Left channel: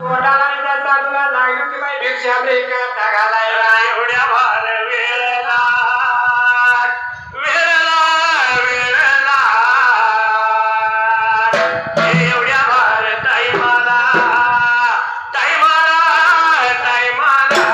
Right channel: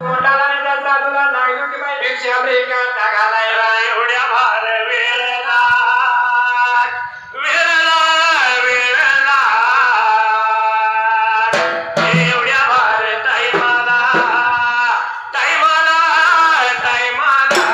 कोणाला त्याचा तुला लागली की बाई भिक्षा ब्रेका घालायला एवढ्या भार वेळेला वेळेला वेळेला एवढ्या भार टाईमाला टाईमाला टाईमाला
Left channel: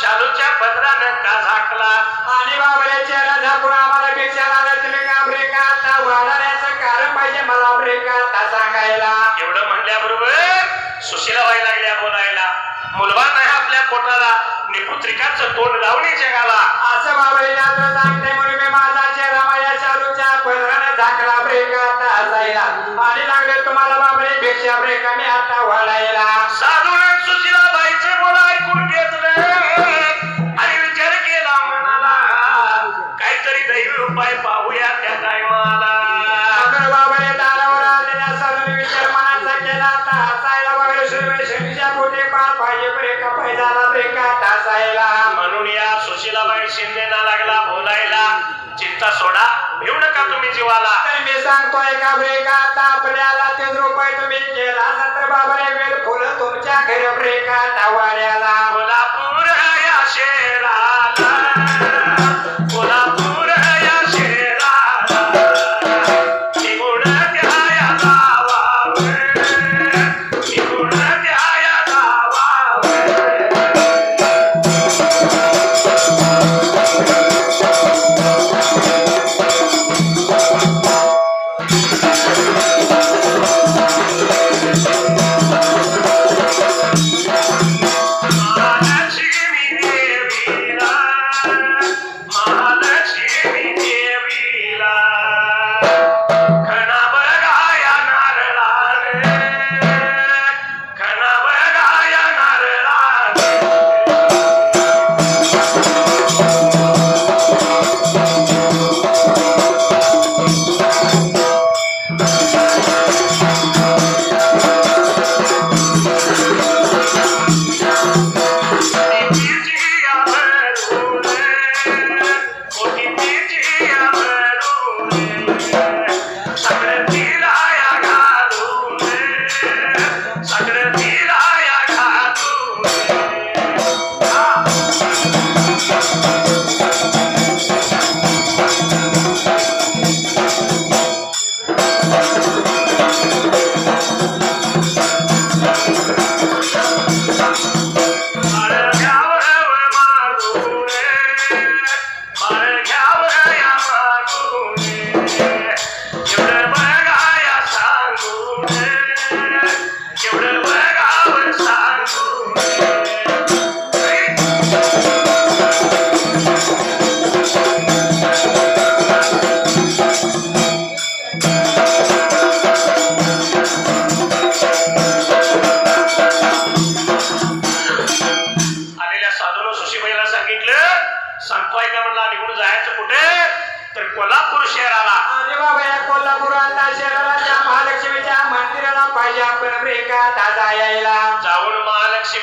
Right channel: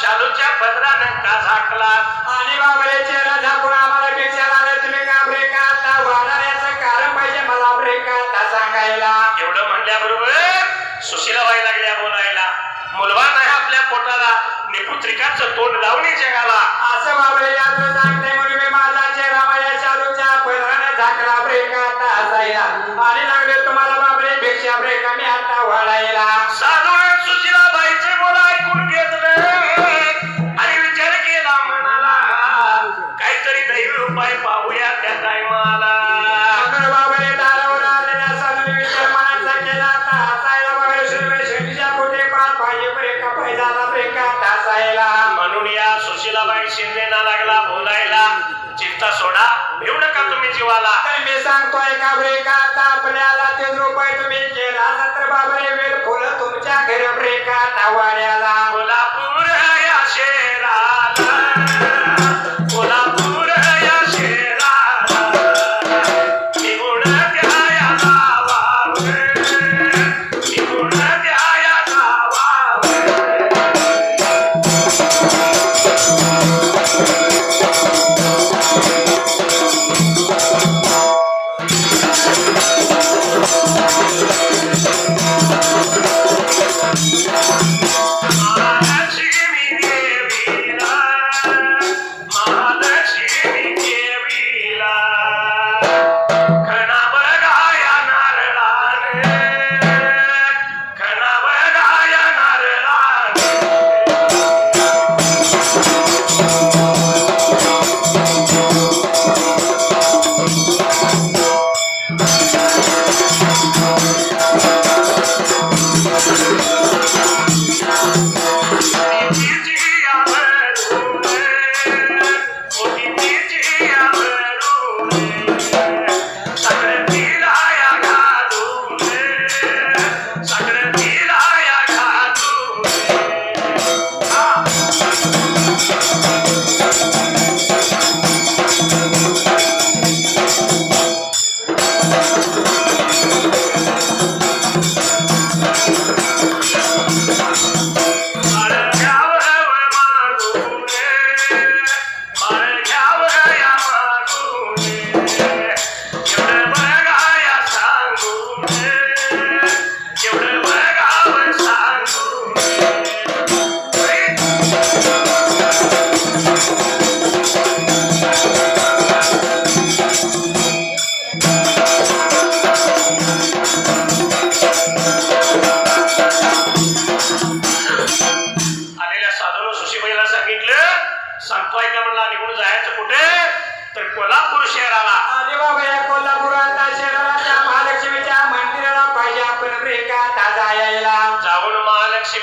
शालूच्या पदरानं का झाकला आणि बाबाच्या चेहरा झाकून आम्हाला भिक्षाला तुम्ही का ब्रेका वाढवण्याचं कारण पाहिजे मला ब्रेका सांगायला. एवढं म्हणल्याबरोबर सुशीलाबाई लागल्या बोलायला. मुलगा नाही आपल्या पोटाला निपुत्रिकाचं तोंड लावणे जगाला असं बाबाला सांगते म्हणून मी माझा चेहरा माझ्या शालूच्या पदरानं झाकला ब्रेका असायला आणि लागले तुम्हाला बाबाने भिक्षा ब्रेका मी आता वाढायला. साधू सुशीलाबाईचे बोल ऐकून घेतलं आणि विचार केला मनाला काहीतरी दैवी उपाय पाहूया त्या टायमाला. बाबाने दारावर आलेल्या साधूने विचार मनाचा केला आता हसायला बाबाने शनीच्या कुठे पाहिजे ब्रेका पैजाला ब्रेका हसायला. म्हणून या सुशीलाबाई शिंदेला लागला बोलायला. चिंता सोडा घेऊ नका तुम्ही जीवाला. तर मी सांगतोय का ब्रेका आता आपल्याला 3 रुपये तुम्ही केला सत्र बाबाने वेळ फुलं तुमच्या घरी ब्रेका वाड्याला. कोल्हापूर या शेराला कोल्हापूर या शेराला निगुण द्याया गावावर निगुण द्याया गावावर.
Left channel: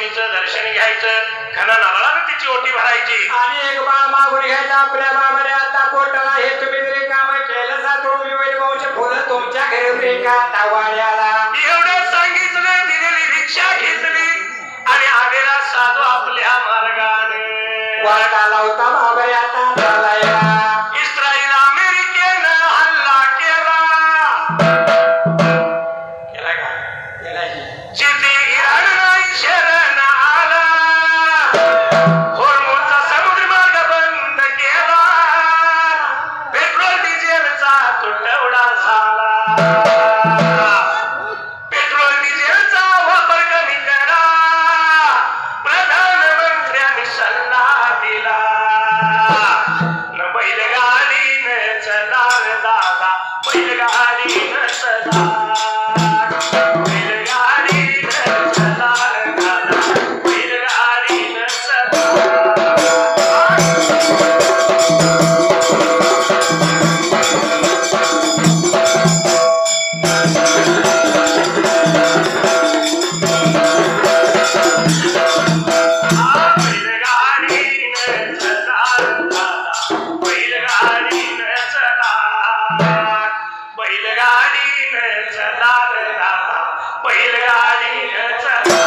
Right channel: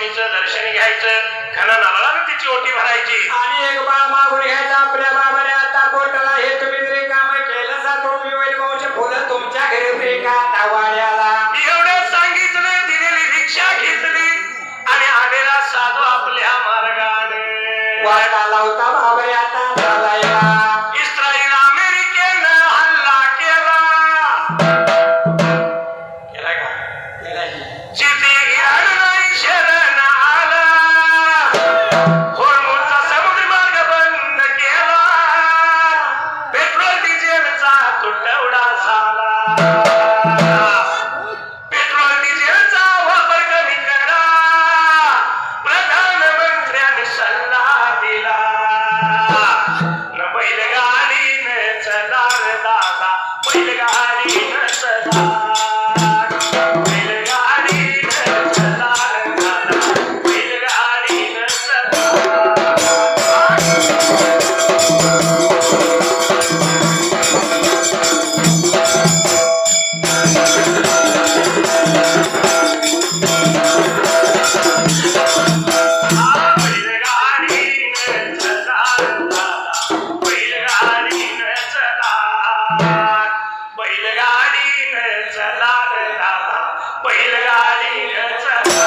माऊलीचं दर्शन घ्यायचं, खणा नारळाने तिची ओटी भरायची. आणि एक बाळ मागून घ्यायचा आपल्या बाबाने आता पोटाला हे तुम्ही जरी काम केलं सा तुम्ही वैभवचे फुलं तुमच्या घरी होते का तावाड्याला एवढं सांगितलं, दिलेली भिक्षा घेतली आणि आलेला साधू आपल्या मार्गाने वाटाला होता बाबा आता झालाया इस्रायल अमेरिकेनं हल्ला केला. केला का केला की जिथे इराण शरण आला, होर्मुझचा समुद्र मार्ग बंद केला, पेट्रोल डिझेलचा तुटवडा झाला, पेट्रोल डिझेलचा वापर कमी करा, प्रधानमंत्र्यांनी सल्ला दिला. न बैलगाडीनं चला रे दादा, बैलगाडीनं चला, बैलगाडीनं चला रे दादा, बैलगाडीनं चला. बैलगाडीनं चला रे दादा, बैलगाडीनं चला, बैलगाडीनं चला रे दादा, बैलगाडीनं चला.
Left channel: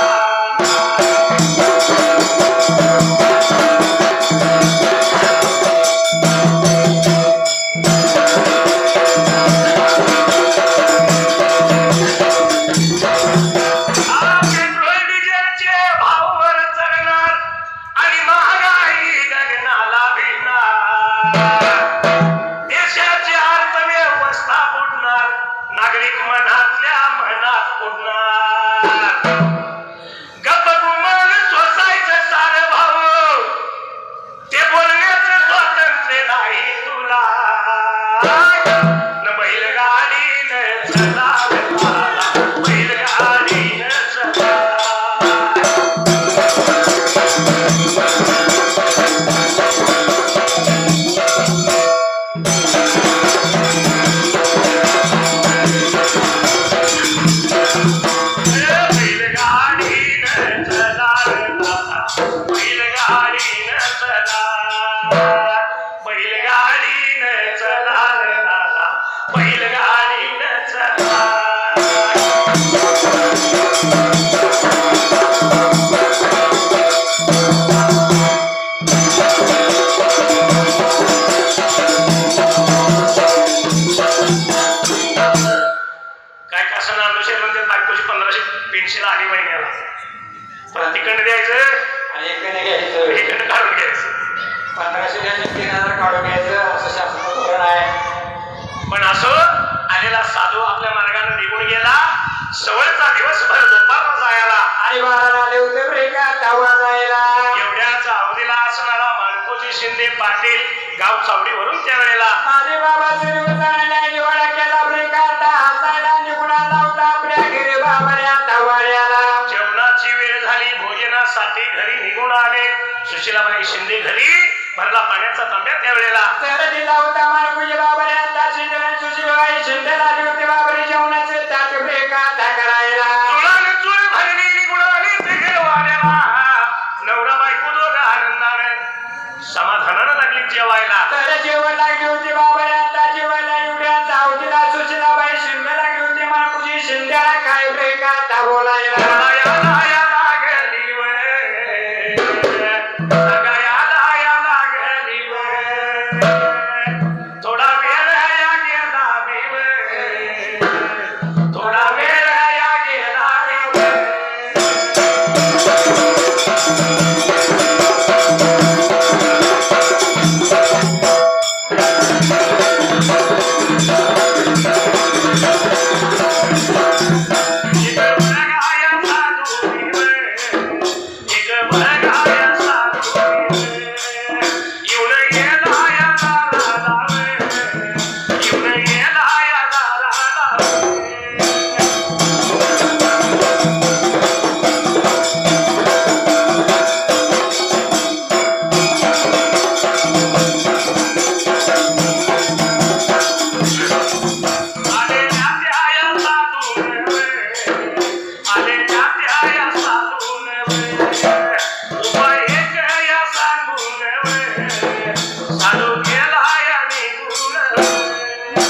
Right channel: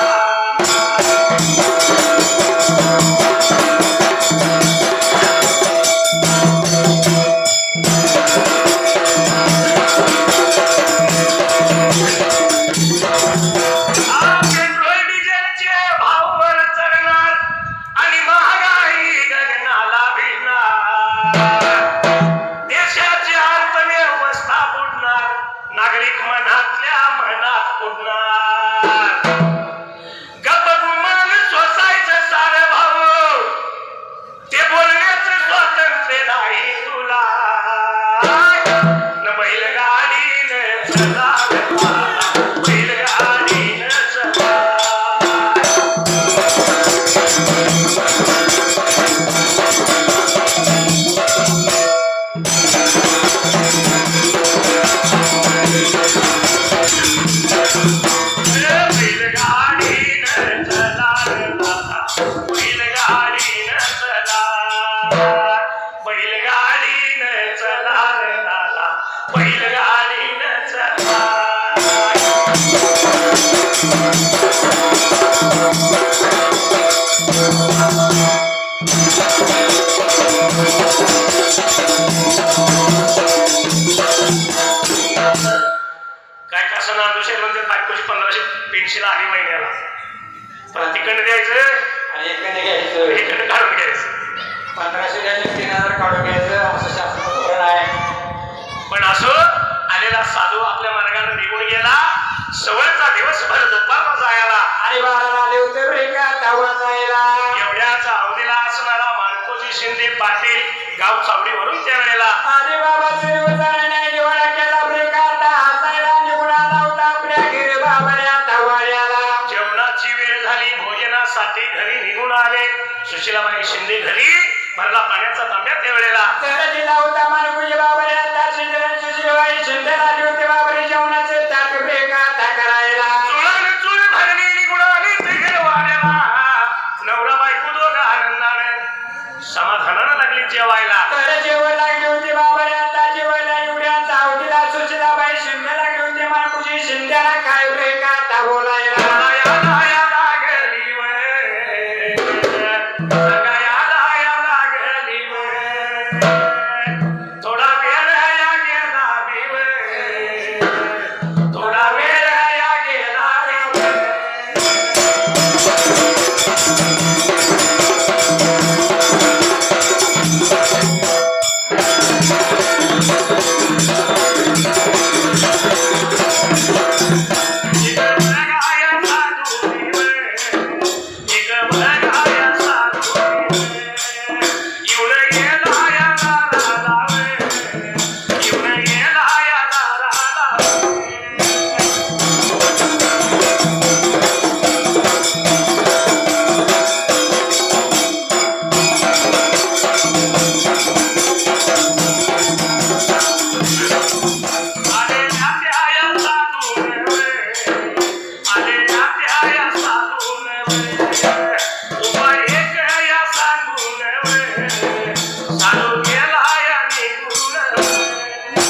पेट्रोल डिझेलचे भाव वर चढणार आणि महागाई गगनाला भिडणार, देशाची अर्थव्यवस्था बुडणार, नागरिक मनातल्या मनात उडणार, गप्प गुमान सोसायचं सारं भाऊ, ते बोलण्याचं स्वातंत्र्य नाही तुला. न बैलगाडीनं चला रे दादा, बैलगाडीनं चला. बैलगाडीनं चला रे दादा, बैलगाडीनं चला, बैलगाडीनं चला रे दादा, बैलगाडीनं चला. काय कसं दुसरे म्हणजे 1500 पेन्शन आली महिन्याला, पण तिकडे द्यायचं आणि एकाने घ्यायचं इकडे काढून घ्यायचं. 1500 द्यायचं 3000 काढून घ्यायचं असं शासनाचं धोरण आहे पण असो आलेला साधू आपल्या मार्गाने निघून गेला. सवयचा दिवसभर दुपारला जायला आणि बाळाला आले होते ब्रेका तावा जायला एवढ्याच अवधीला असणारा माणकोजी शिंदे पाटील गाव चावडीवरून त्यावेळेला आणि बाबाचा दिवस नाही निवाडा केला ब्रेका हाताला निवडा लावता आपल्या घरी बाबाच्या तावाड्याला जेवणाची वेळ झाली, भोजनासाठी घरी निघून आले. सुशीलाबाई शिंदे घरी भरला पाण्याचा तांब्या त्यावेळेला तर दिला होता मानकुजी बाबाच्या त्या शिंदे सुशीलबाई शिंदे आली होते बाबारी जेवणाचे ताट ब्रेका करायला चुलान चूल भरली निघून आली ते वाड्याला. नवरा बायको दोघं आनंदाने समाधानानं लागली जेवायला. तर जेवण लागली होती बाबाने आता जेवायला एवढ्या चावतीला सुशीलाबाई शिंदे लागली होती मानकुजी शिंदेला काय ब्रेका बोलायला लागली वय, सगळ्याला लागली वय, थोडा वेळ या गेला बी वय, थोडा वेळ या गेला बी वय. उपाय एक या सांगून चालू गेला या निघून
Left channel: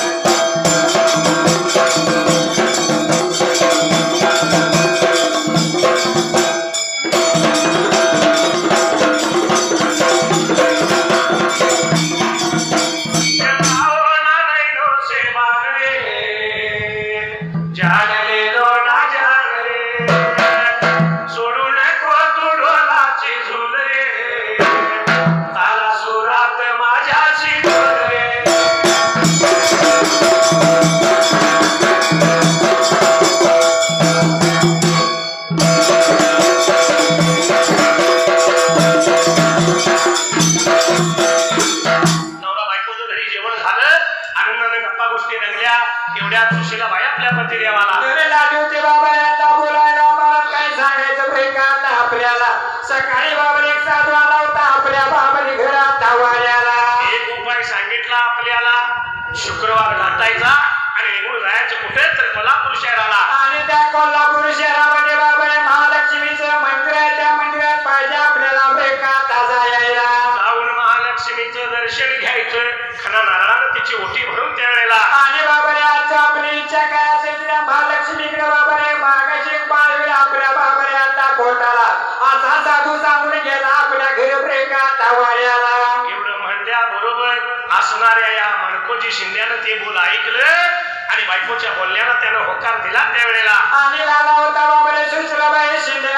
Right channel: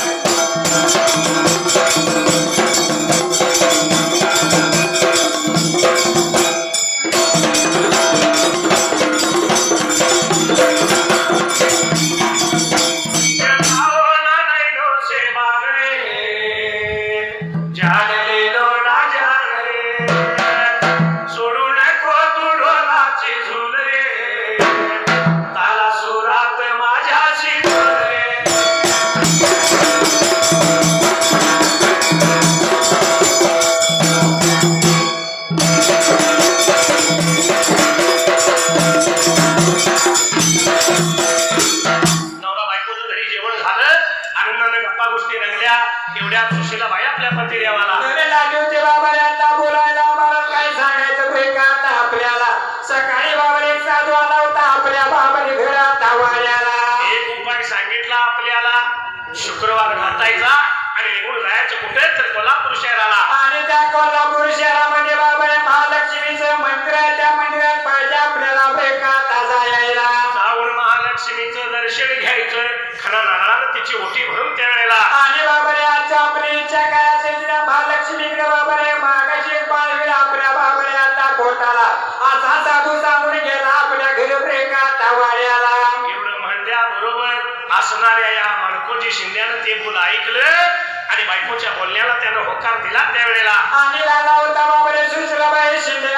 एवढ्या सुशीला बाई आपल्या पती देवाला अरे लाडूचे बाबा आता बोलायला मला काय सांगायचं बे का आता आपल्याला सकाळी बाबा एक साधू आला होता आपल्या बाबाने घरात वाऱ्याला एक उपाय सांगितला आपल्याला शुक्रवार घातायचा आणि निघून जायचं कुठे तर कोल्हापूर शहराला आणि त्या कोल्हापूर शहरामध्ये बाबा महालक्ष्मीचं मंदिर आहे त्या मंदिरात पाहिजे आपल्याला बे का ताजा यायला जाऊन महालक्ष्मीचं दर्शन घ्यायचं खना नारळानं तिची ओटी भरून त्या वेळेला आणि बाबा आज आपली इच्छा काय असेल तिला महालक्ष्मीकडे बाबा मागाशी बाळ आपल्या बाबा आता पोटाला असा साधू सांगून गेला आपल्या घरी बे का वाऱ्याला एवढं म्हणल्याबरोबर असणाऱ्या या मनकोजी शिंद्यानं ते बोल ऐकलं आणि बायकोच्या बोलण्याला त्यानं होकार दिला त्यावेळेला आणि आला होता बाबा सुशीलाबाई शिंदे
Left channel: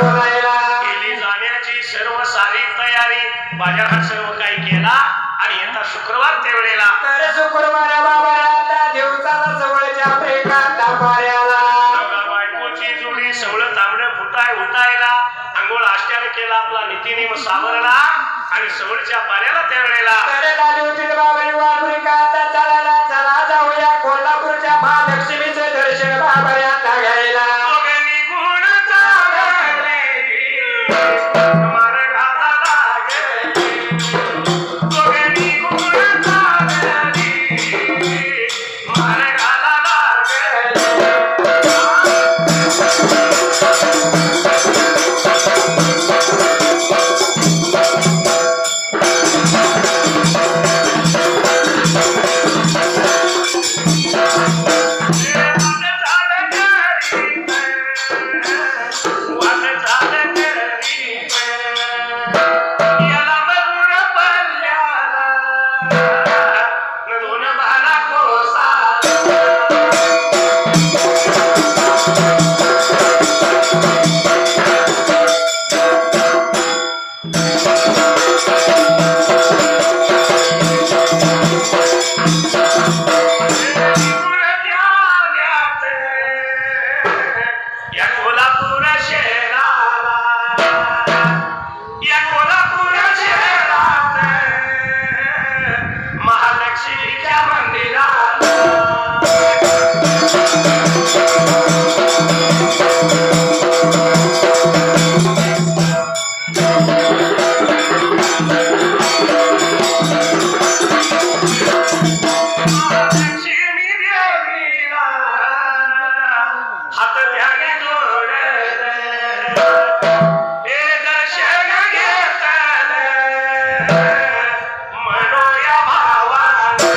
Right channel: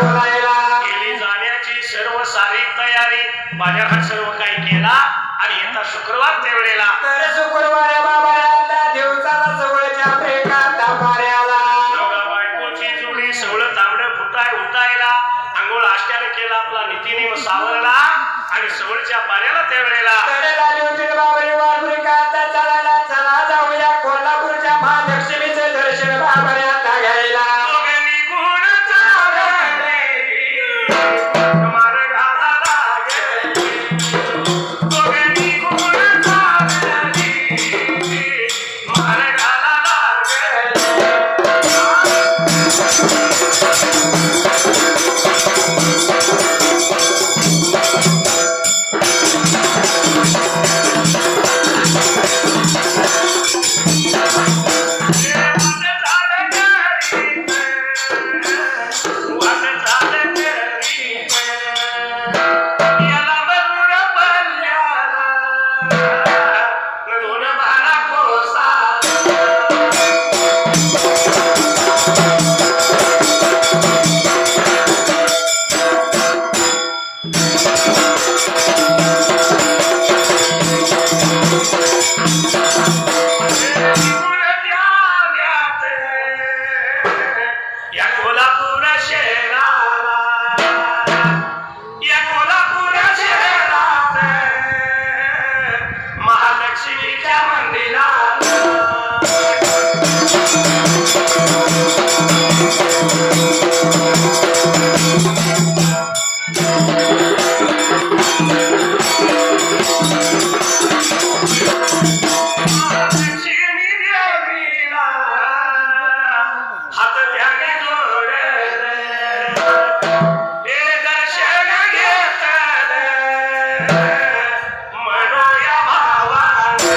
बोलायला केली जाण्याची सर्व सारी तयारी बाजारात सर्व काही केला आणि येता शुक्रवार त्यावेळेला तर शुक्रवारी बाबा आता दिवसाला जवळच्या प्रेमात मार्याला बायकोची जुडी सवळं तांबडं उठायला अंघोळ आष्ट्यानं केला आपला नीतिनियम सावरला आणि सवळच्या पाऱ्याला त्यावेळेला तर लालूजी बाबाने वाटली का आता चला जाऊया कोल्हापूरच्या महालक्ष्मीचं दर्शन बाबा आता घ्यायला दोघांनी गुण चालले, मार्गाला लागले. दोघांनी गुण चालले, मार्गाला लागले. या कोल्हापूर शहराला या कोल्हापूर शहरात महालक्ष्मीच्या मंदिराला लक्ष्मी देवीला हात ध्याने जोडले हे दर्शन घेतले मनोया भावाने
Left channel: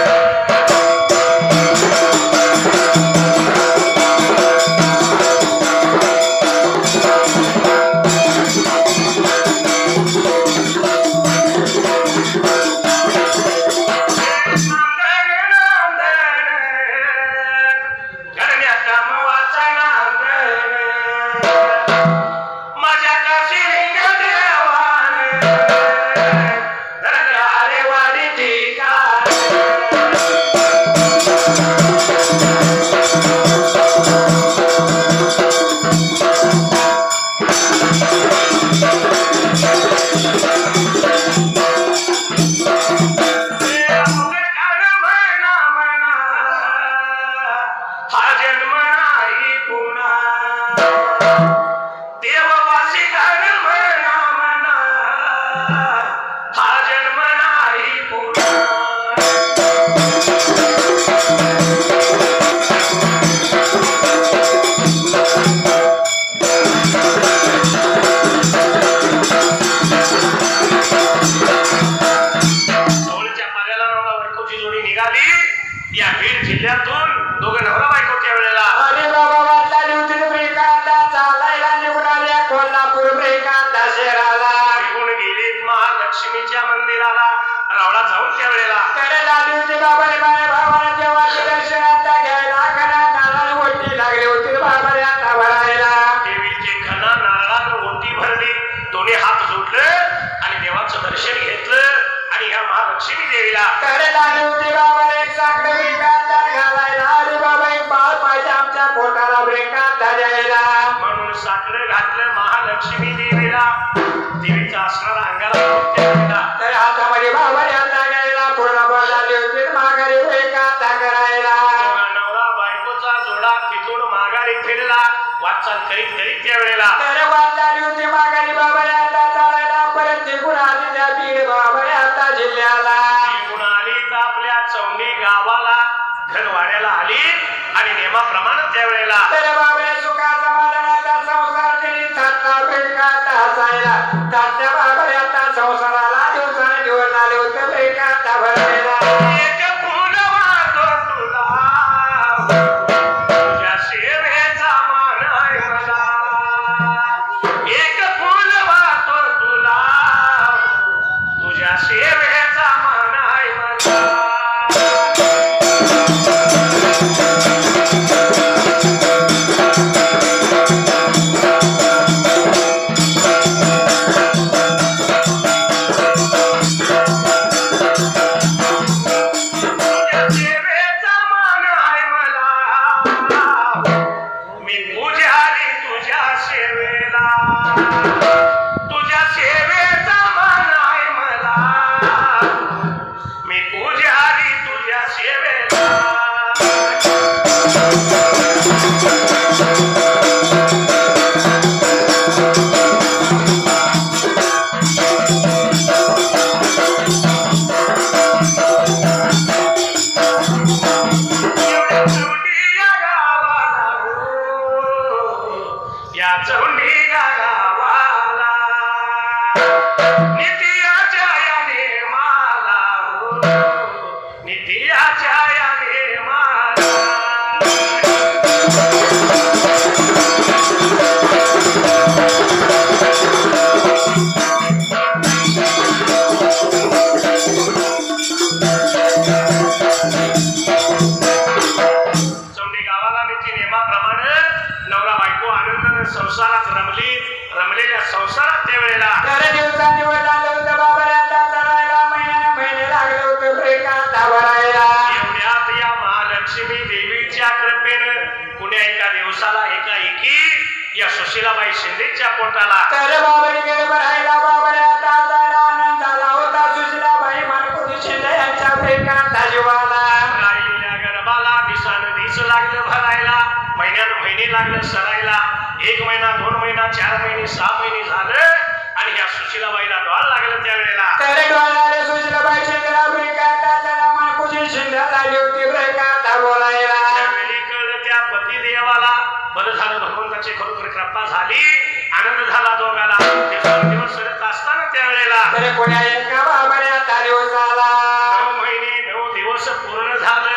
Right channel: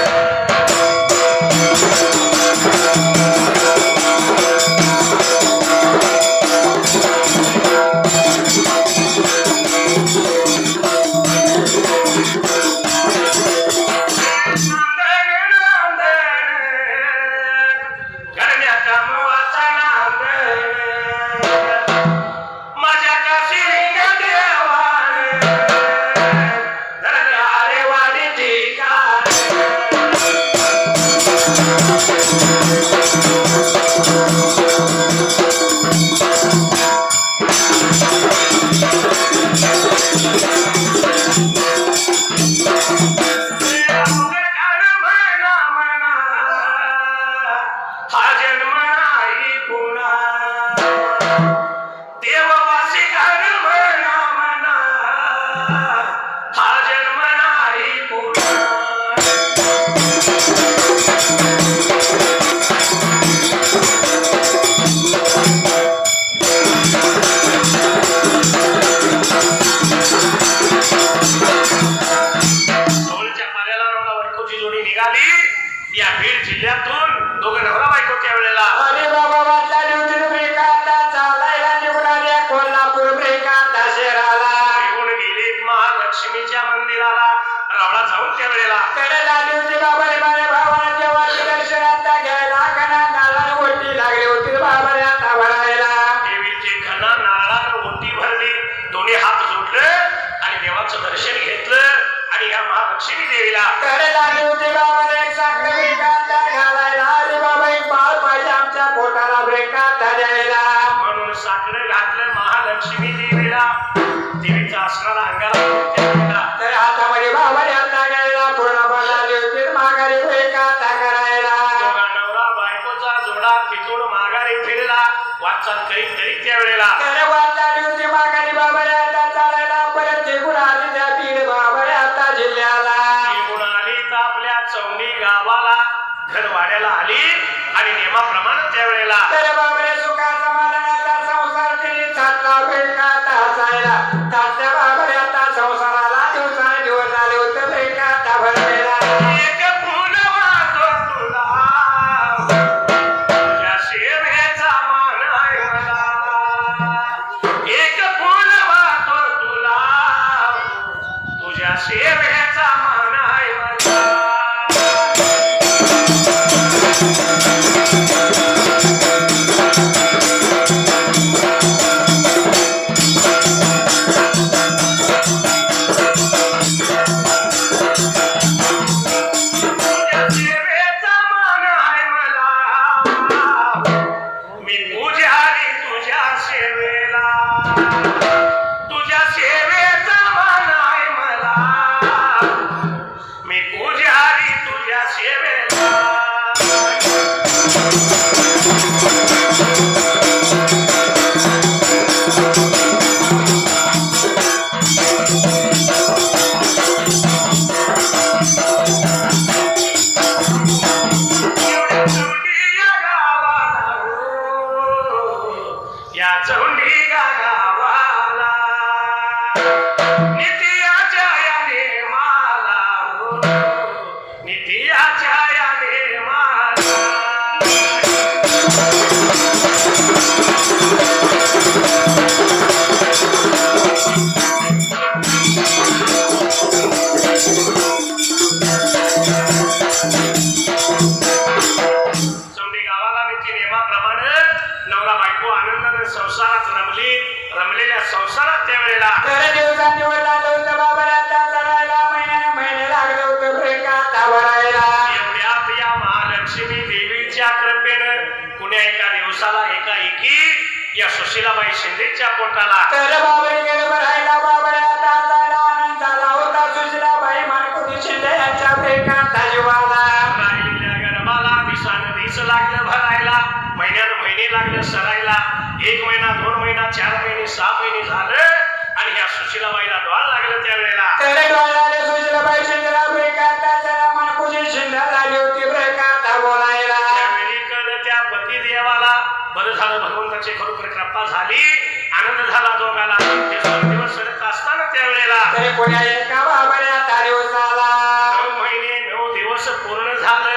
दोन्ही हात जोडलं आणि देवाचं दर्शन घेतलं आणि ह्या महालक्ष्मी देवीला करे लागले होते बाबा एक साखर ब्रेकाचा घालायला अरे बाबा एक बाळ पाहिजे आमच्या पोटाला ब्रेकाचा द्यायला म्हणून साखर घातलं महालक्ष्मी देवीला देवीचा असणारा अंगाला त्यावेळेला तर हातामध्ये बाबाने हाता घ्यायला पूर्ण बाळाले होते माघारी ब्रेकाचा करायला नवरा बायकोचा जोडा तिथून माघारी फिरला वाटचाल करीत करीत त्यावेळेला तर वाटाली होती माघारी बाबाने हाता चालायला परत निघून आली त्या बीड बाबाने हाता जिल्ह्याला निघून आली तर आपल्या चौंडी गावाला घरवाड्याला आली आणि नेमाप्रमाणे त्यावेळेला तर बाबाने सुखा समाधानाचा संसार केली सातला ब्रेकाचा असायला तात्या बाबाने हाता संसाराला दिवसाने दिवस आले होते ब्रेकाचा भरायला एक फुल वाहतो तुला तुझ्या शेवेचा मान आहे मला एक फुल वाहतो तुला तुझ्या शेवेचा मान आहे मला तुझ्या सेवेचा मान आहे मला मी पुजारी तुझ्या सेवेला तुझ्या सेवेचा मान आहे मला मी पुजारी तुझ्या सेवेला या चौंडी गावाला नित्याच्या याने माला नित्याच्या याने माला चौंडी गावाला नित्य नेमाप्रमाणे नवरा बायको आनंदाने संसारात रमलेल्या संसारात त्यावेळेला तर दिवसांदिवस आलं होतं बाबाने हाता चढायला महिन्याने महिने लागले होते ब्रेकाचा भरायला एवढ्यात या महालक्ष्मी देवीच्या कृपेनं पुण्या एका दिवसाला एकाएकी या सुशीलाबाई शिंदेच्या पोटाला तर बाबाने गेले भरायला बाबाने हाता चढायला आनंद झाला होता सुशीलाबाई मनकुटी शिंदे यांच्या ब्रेकाचा जीवाला राहिलेल्या गर्भाला दिवसानं दिवस लागलं भरायला महिन्यानं महिने लागलं सरायला 1 महिना 2 महिना 4 महिने 6 महिने झालं आणि ह्या सुशीलाबाईला डोळ लागलं त्यावेळेला तर डोळ्याला सुशीलाबाई शिंदेला ब्रेकाचा चढा मनकुटी शिंदे लागली होती ब्रेकाचा बोलायला त्यावेळी कळलं त्या पतिदेवाला बरं झालं भगवंताची खरोखर कृपा झाली आनंद झाला दोघाला दिवस फिरत असताना त्यावेळेला तरी कोण्या एका बाबाने हाता दिवसाला 9 महिने 9 दिवस पूर्ण झालं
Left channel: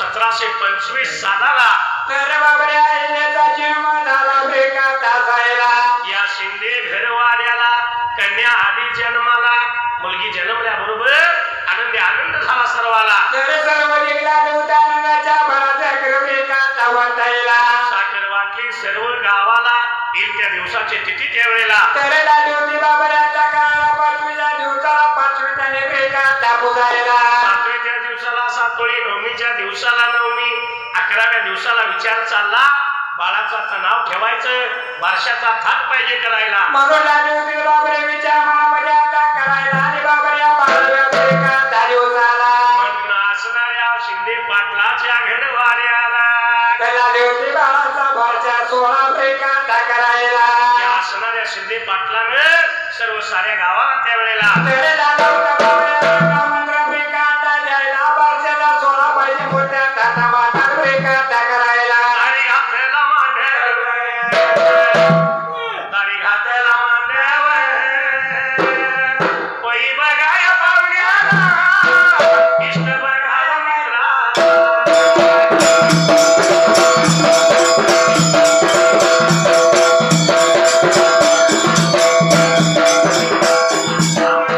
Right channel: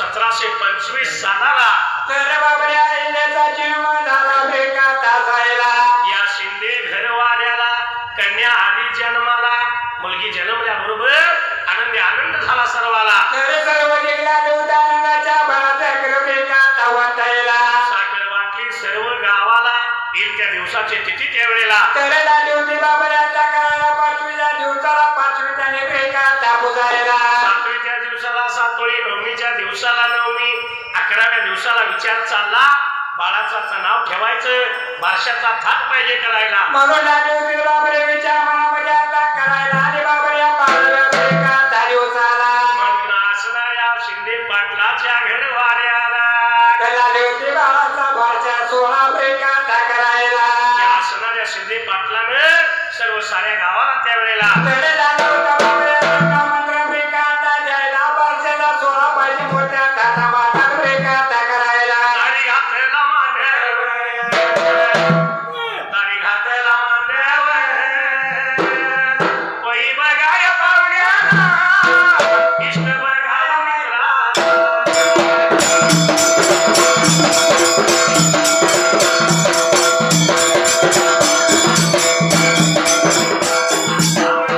1725 सालाला तर बाबाने आईचा जन्म झाला ब्रेकाचा जायला या शिंदे घरवाड्याला कन्या आधी जन्माला मुलगी जन्मल्याबरोबर आनंद झाला सर्वाला तर सर्व जिल्हा देवतानंदाच्या भराच्या ब्रेकाचा वाटायला साखर वाटली सर्व गावाला येईल त्या दिवसाची तिथी त्यावेळेला तर लाली होती बाबाने हाता करायला 5व्या दिवसाला 5वी त्याने ब्रेकाचा पुजायला 7व्या दिवसाला 7वी 9वीच्या दिवसाला 9वी 11व्या दिवसाला विचार चालला बाळाचं नाव ठेवायचं बारशाचा थाट पाहिजे करायला म्हणून लाली होती बाबाने विचार मनामध्ये हाता करायला आणि बाबाने 5व्या ब्रेकाचा दिवसाला म्हणून असणाऱ्या शिंदे पाटलाच्या घरवाड्याला तर लाली होती बाळाचा भाषा 16 ब्रेकाचा करायला या असणाऱ्या शिंदे पाटलानं सर्व साऱ्या गावाला त्यावेळेला तर लाली होता बाबाने मंत्र ब्रेकाचा द्यायला भाषेला 16 पाहिजे मोठ्या ताटा माता ब्रेकाचा करायला दारी घातलेला मांडव दारी घातलेला मांडव पै बघाय पाहुण्याला इष्ट बघाय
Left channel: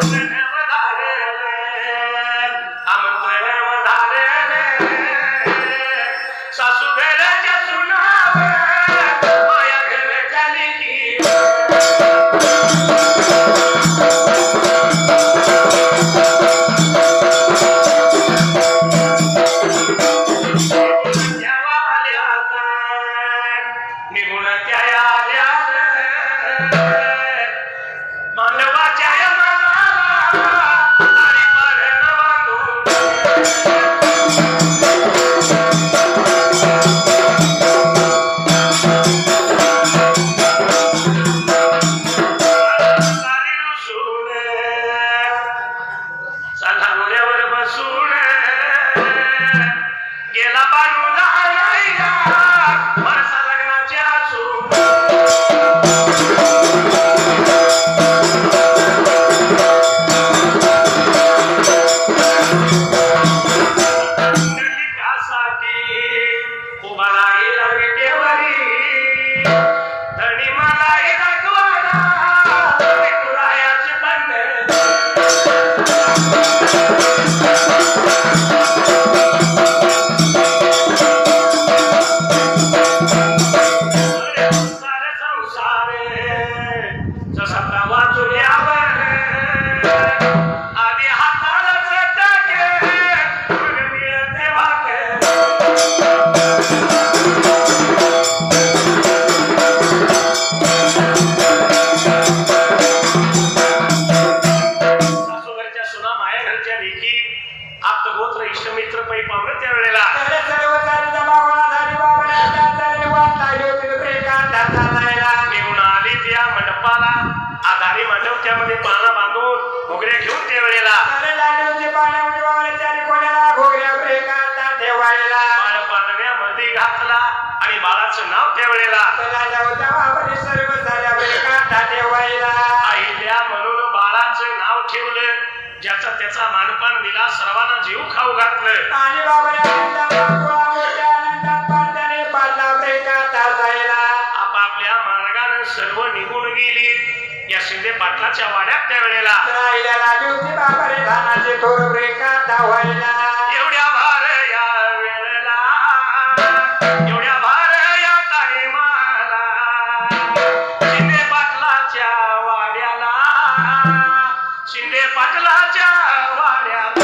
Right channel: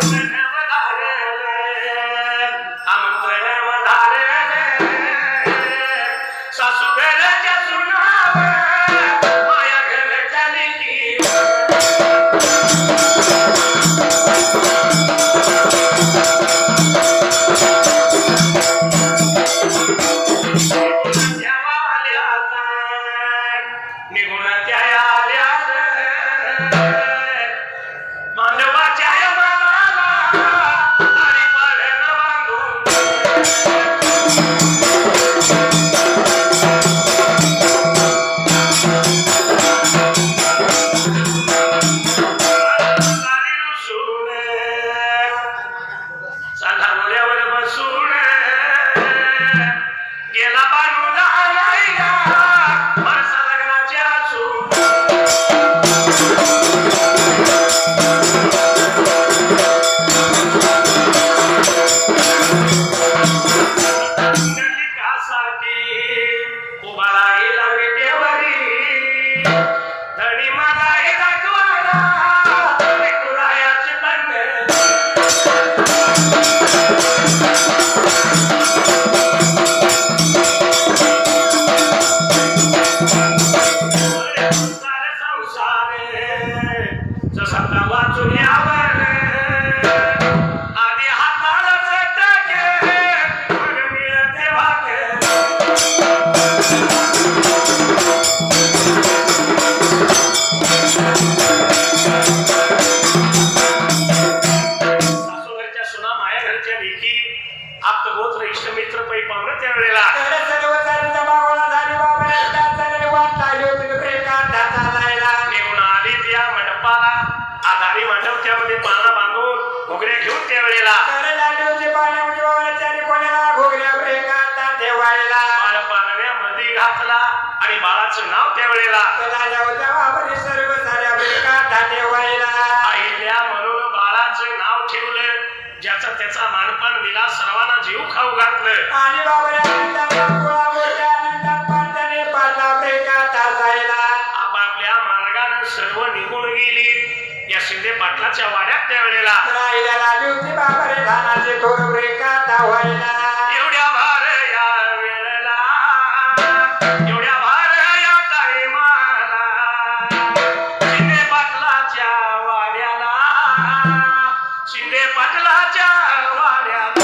मित्राला सारे संसारे जसा तवा चुल्यावर आधी हाताला चटके मिळते भाकर सासूबाईच्या सुना मायाघरच्या लेकी आप्तगोत्र इष्टमित्र पै पावलं त्यावेळेला तर सर्व सारी जमा गोळा झाली बाबा आता चालली वाट लागली होती प्रेमात चालायला. निघून आली त्या मंडपाला आधारी मंडप त्यामध्ये पानं बांधून घोगऱ्या घेऊन त्यावेळेला तर लागली होती पाण्यामध्ये बाबाला चारी कोणाला घोगऱ्या प्रेमात ठेवायला. बाळ पाळण्यामध्ये घातला आणि बाळाचं नाव त्यावेळेला तर आल्या होत्या बाबाने सर्व साऱ्या प्रेमात ठेवायला. आईल्या म्हणून बाळाचं नाव ठेवलं ज्याचा त्याचा मानपान दिला सर्वांना जीव खाऊ घातलं आणि बाबाला आनंदात मोठ्या आनंदात पाहताने पाहता प्रेमात असायला. आपापल्या मार्गाने सर्व निघून गेली या शिंदे पाटलाच्या वाड्यात त्यावेळेला तर आईला लागली होती बाबाने धानाचे थोर प्रेमात व्हायला. एवढ्या भार या वेळेला एवढ्या भार या टाईमाला शिंदे पाटलाच्या वाड्याला शिंदे पाटलाच्या वाड्याला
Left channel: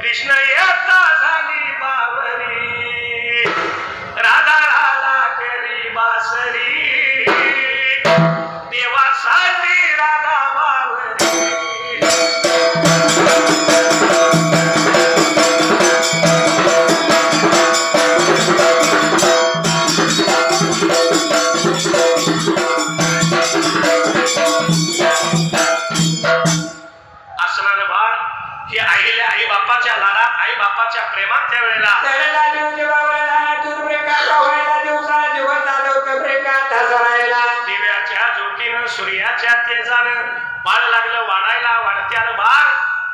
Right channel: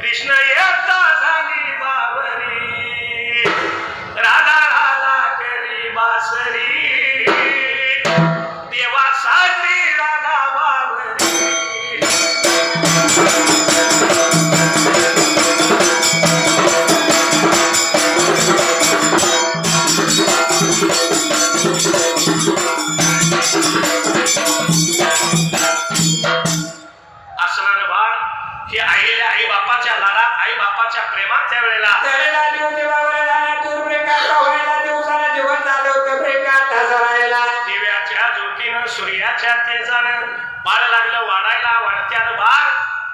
कृष्ण येता झाली बावरी राधा केली बासरी देवासाठी राधा बावरी असणार बाळ हे आईला आई बापाच्या लाडात आई बापाच्या प्रेमात त्यावेळेला तर लागली होती बाबाला धानातून प्रेमात व्हायला. दिवसाला दिवस आले होते प्रेमात हसायला. दिव्याच्या ज्योतीनं सूर्याच्या तेजानं बाळ लागलं वाढायला वाढत्यानं बाळ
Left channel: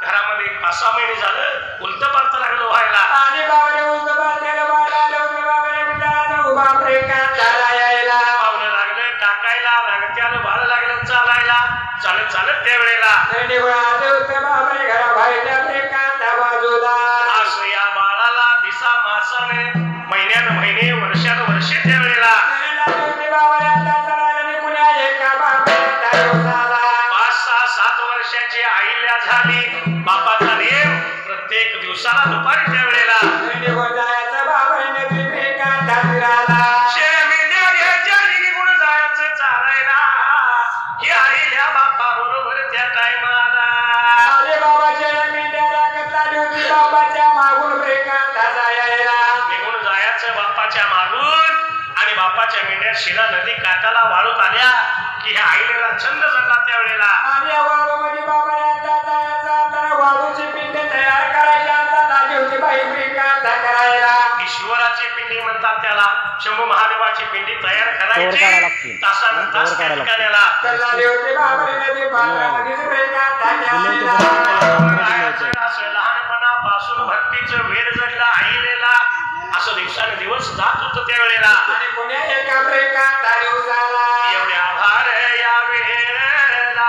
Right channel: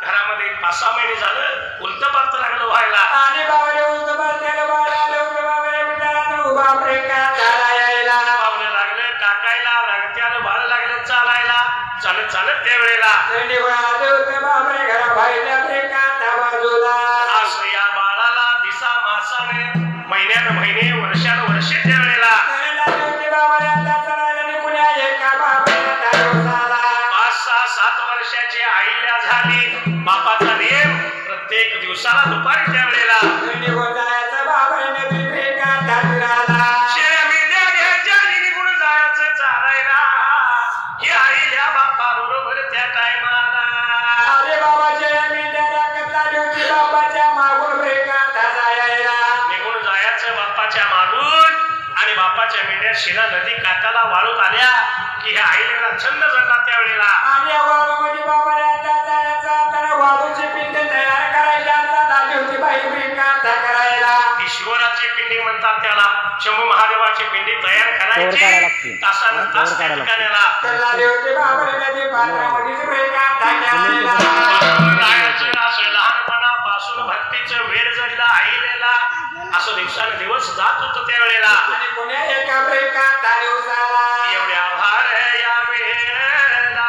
घरामध्ये 5-6 महिने झालं उलट पालत लागलं व्हायला आणि बाबाने उलट पालत्याला बाळ आले होते बाबाने विचारानं उभा प्रेमात यायला. पावलं लागलं टाकायला रंगत्यानं बाळ लागलं चालायला चालत चालत त्यावेळेला थंडी वाजत होते बाबाने घरा बाहेरच्या प्रेमात बाजूला. असं या बाळाला दिसा मासाने महिन्यान महिने वर्षान वर्षे त्यावेळेला तर लागली होती बाबाला आता चढायला पुण्या एका बाबाला दिवसाला. 5-6-7 वर्षाची आईल्या झाली बापाचा नेम प्रत्येक दिवसाला दुपारी त्यावेळेला थंडी जायचा बाबाने नदी प्रेमात फिरायला. शेळ्या घ्यायच्या आणि निघून जायचं चालायला हे आईल्या बापा बरोबर त्या टायमाला अरे बाबाच्या मेंढ्या राखत लागली होती बाबाच्या मागून प्रेमात यायला. निघून जायचं बापाच्या मागून आणि बापाच्या मेंढ्या शिला नदी काठाला वाळून आल्या की ह्या आईला छंद झाला त्यावेळेला आणि या वाळूमध्ये बाबाने आता जायचा आता वाळूची पिंड तयार करायची आता लागली होती बाई प्रेमात करायला. ईश्वराची पिंडी म्हणतात त्याला शंभू महादेवाची पिंडी तयार कवर काढायला लागते. करायची तासानं कवर तास काढायला लागते. ठिकाण्याला तर लागली होती बाबाने नदी पात्रामध्येच प्रेमात यायला. असं लहानपणापासून भक्तीचं वेळ जडला आईलेला असं दिवसांदिवस जात होतं त्यावेळेला आणि पुण्या एका प्रेमात दिवसाला. एवढ्या भार या वेळेला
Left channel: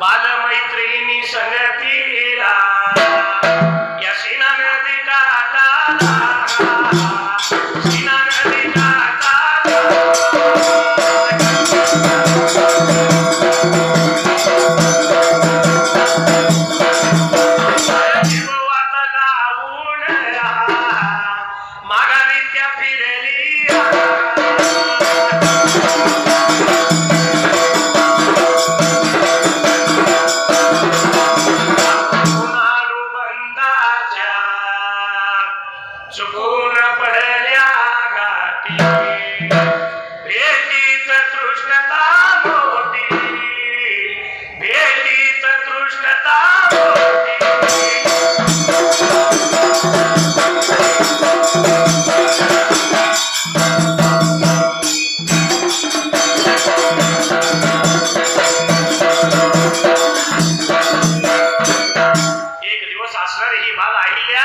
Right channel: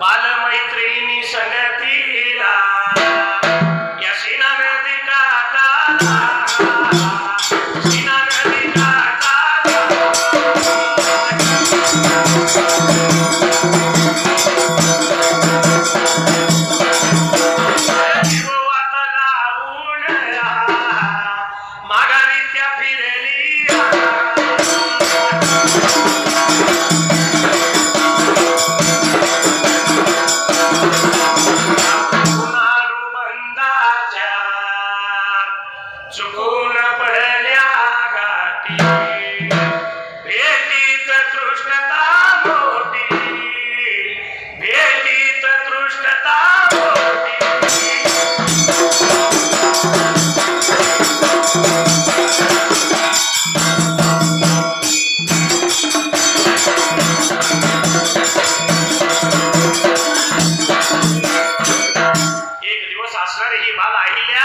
बालमैत्रिणी संगतीला या सीना नदी काठाला सीना नदी काठाला जीव वाट लावून माघारी त्या फिरली चुकून पडल्या गाठी भेटीत तृष्णता मोठी भेटीत तृष्णता मोठी एक दिवस असणारी ही बाल अहिल्या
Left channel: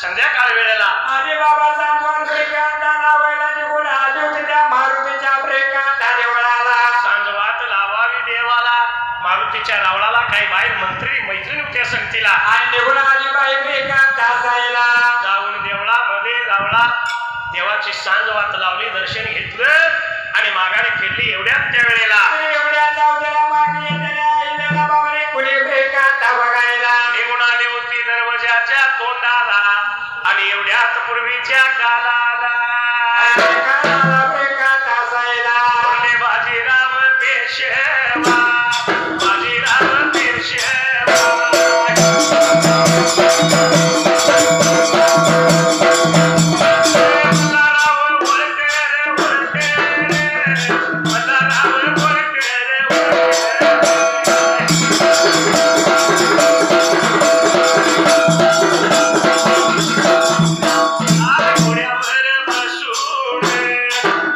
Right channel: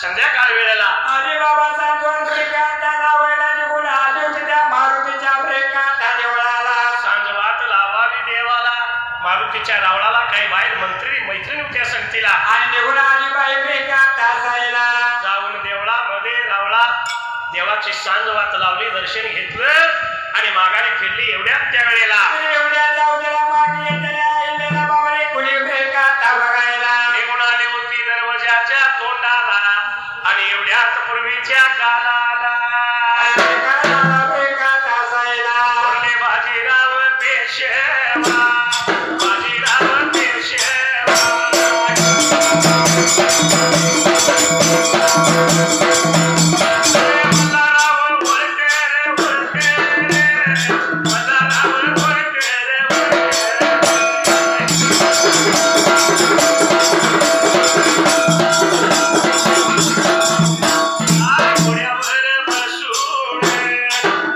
संध्याकाळ वेळेला अरे बाबा सांगून ब्रेकांना लावायला निघून आले होते त्या मारुतीच्या ब्रेकांना देवळाला. सांजवात लावावी देवाला मारुतीच्या रावळाला काही बाहेर मैत्रिणी होत्या संगतीला आणि निघून आली बाई ब्रेकांत असायला. जाऊन देवळामध्ये रावळा देवाची सांजवात लावली दर्शन घेतलं आणि माघारी फिरली एवढ्यात त्या वेळेला आणि एवढ्या जाऊद्याला मागे येणाऱ्या आईला बाबाने कुणी ब्रेकांत बघायला. निघून आली होती दरवाजाच्या तोंडाला आणि एवढ्यात पूर्वीच्या काळाला ब्रेकांत असायला. बोलले बाजीराव पेशवा बाजीराव पेशवा मल्हारराव बोलते रे बोलते मल्हारराव बोलते रे बोलते घोड्यावर बसून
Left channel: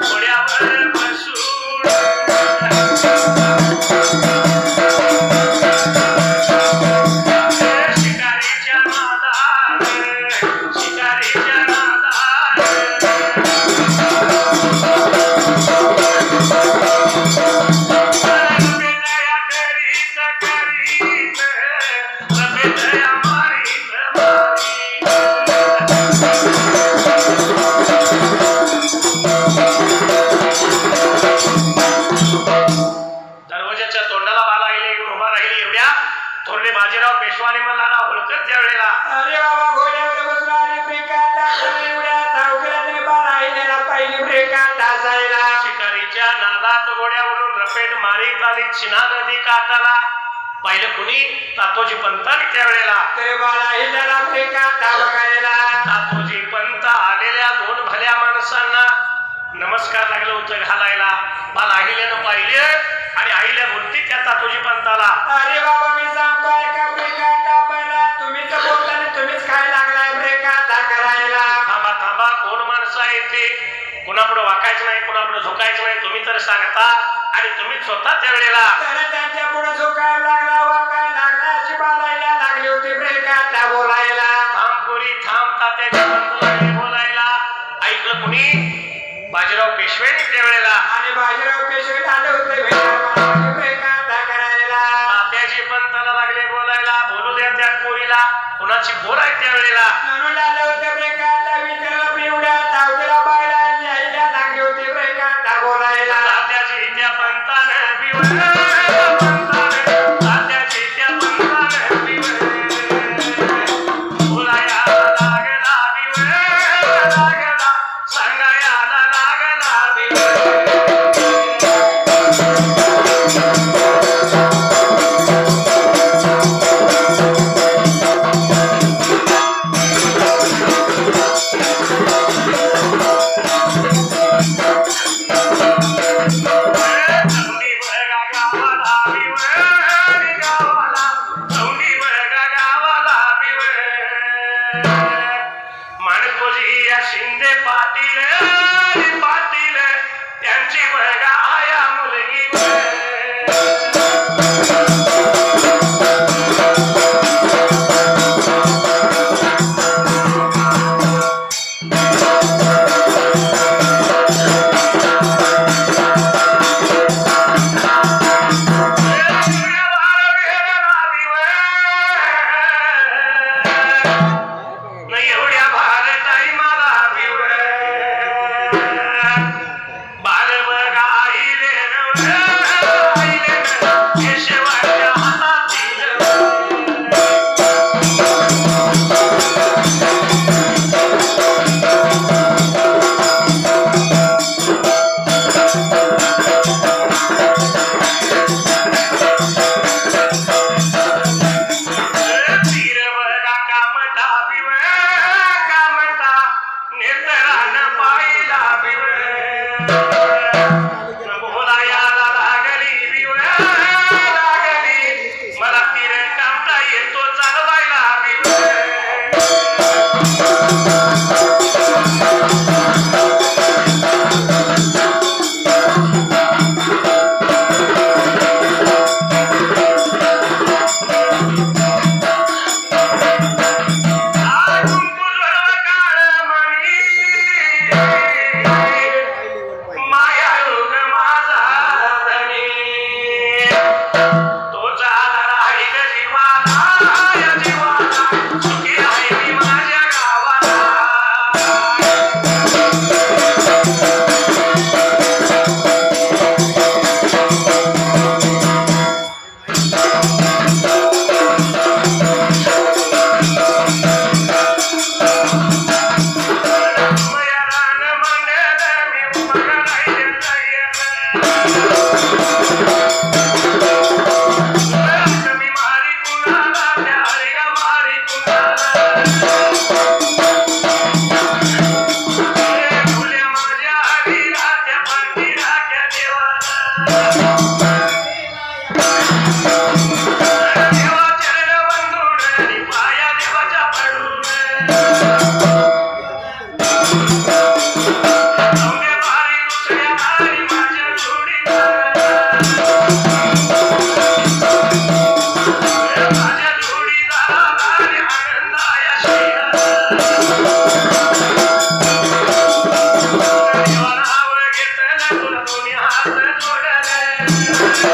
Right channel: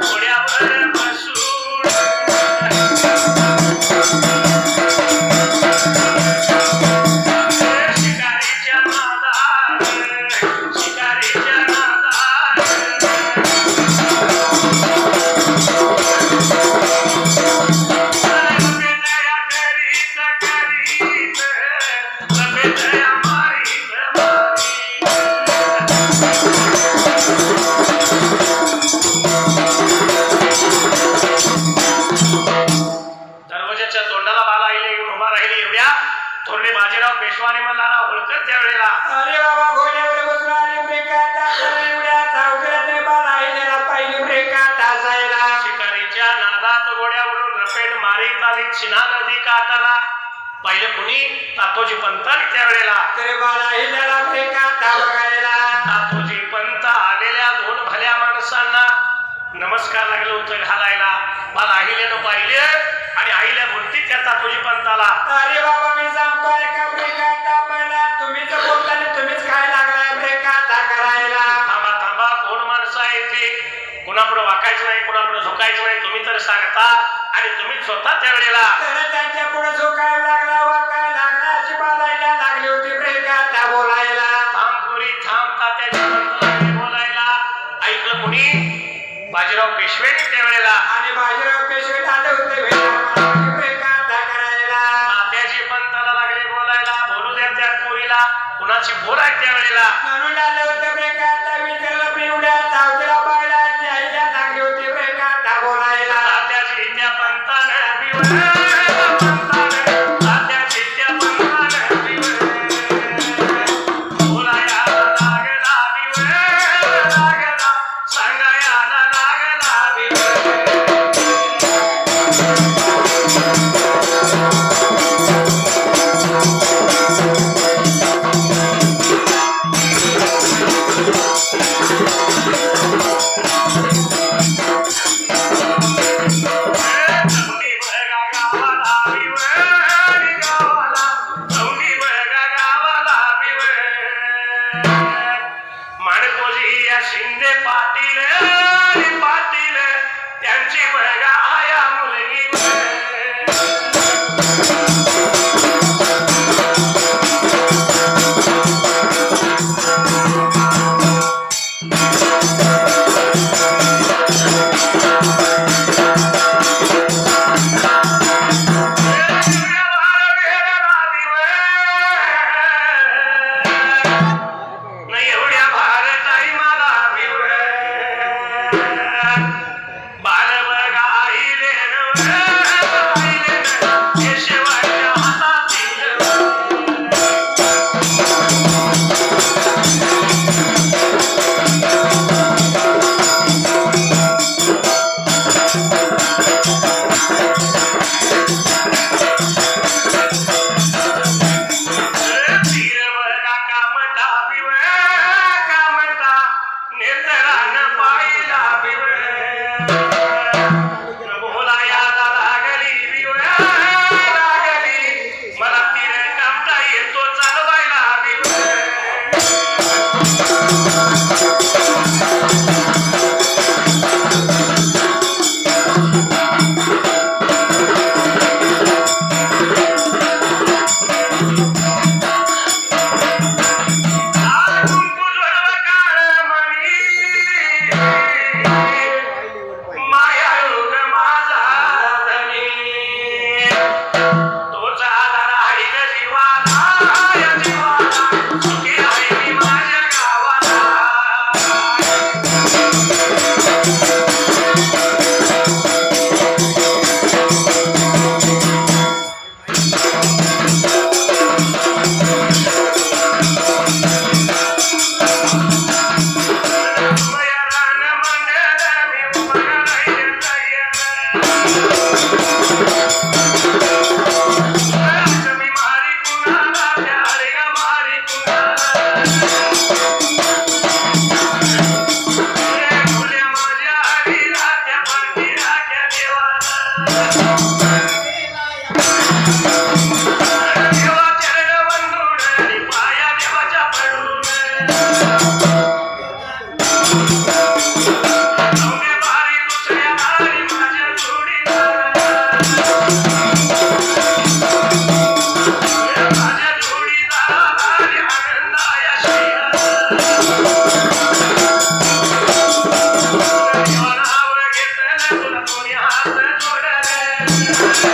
घोड्यावर बसून शिकारीच्या नादात शिकारीच्या नादात रमेशया करीत करीत रमेशया मारीत दरवाजाच्या तोंडाला बाला आईला येऊन उभा राहिली एवढ्या थोरले बाजीराव पेशवाने मल्हारराव होळकर त्यावेळेला अरे बाबा घोड्यावर बसून आली ब्रेकांत असायला. एवढ्या जाऊद्याला तरी बाला आईला पाहिली ब्रेकांत असायला. शिकारीच्या नादात गोड्यावरून रपेट मारीत आली चिना नदी काठाला पाहिलं कुणी तातोजी पंताने त्यावेळेला तरी बाला आईला ब्रेकांत बघायला. तातोजी पंत आलेल्या दोन भल्या माणसांना नमस्कार लागलं होतं घालायला बाल अहिल्यानं पाहिले आणि आईला बोलती त्या तातोजी पंताला अरे बाबा मी सांगतोय का ब्रेकांत पहिला तुम्हीच बोलता आणि तुम्हीच काय लागलाय ब्रेकांत करायला. थांबा थांबा कोण माणसं आहे ते कुणापुढे वाकायचं नाही कुणापुढे झोकायचं नाही तुम्ही तर सांगता आणि तुम्ही स्वतः त्यावेळेला त्याला त्यांच्या पुढे झोकायला लागला वाकायला लागला अशी बालायला लागली होती ब्रेकांत बोलायला. थांब पुरी थांब तात्याच्या पंताला बोलायला ऐकलं कुणी बाजीराव पेशवेने त्यावेळेला आणि बाजीराव पेशवे आले होते भेटायला ब्रेकांत करायला. तात्याजी पंताला लागले बोलायला बोलू द्या त्या पोरीला कुणाची बोल आहे त्यावेळेला म्हणून आले होते ब्रेकांत विचारलं पिवड्या जाऊद्याला बायला आणि आईला लागली होती ब्रेकांत बोलायला. तात्याजी त्या पंताने Thank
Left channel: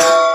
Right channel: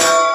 you.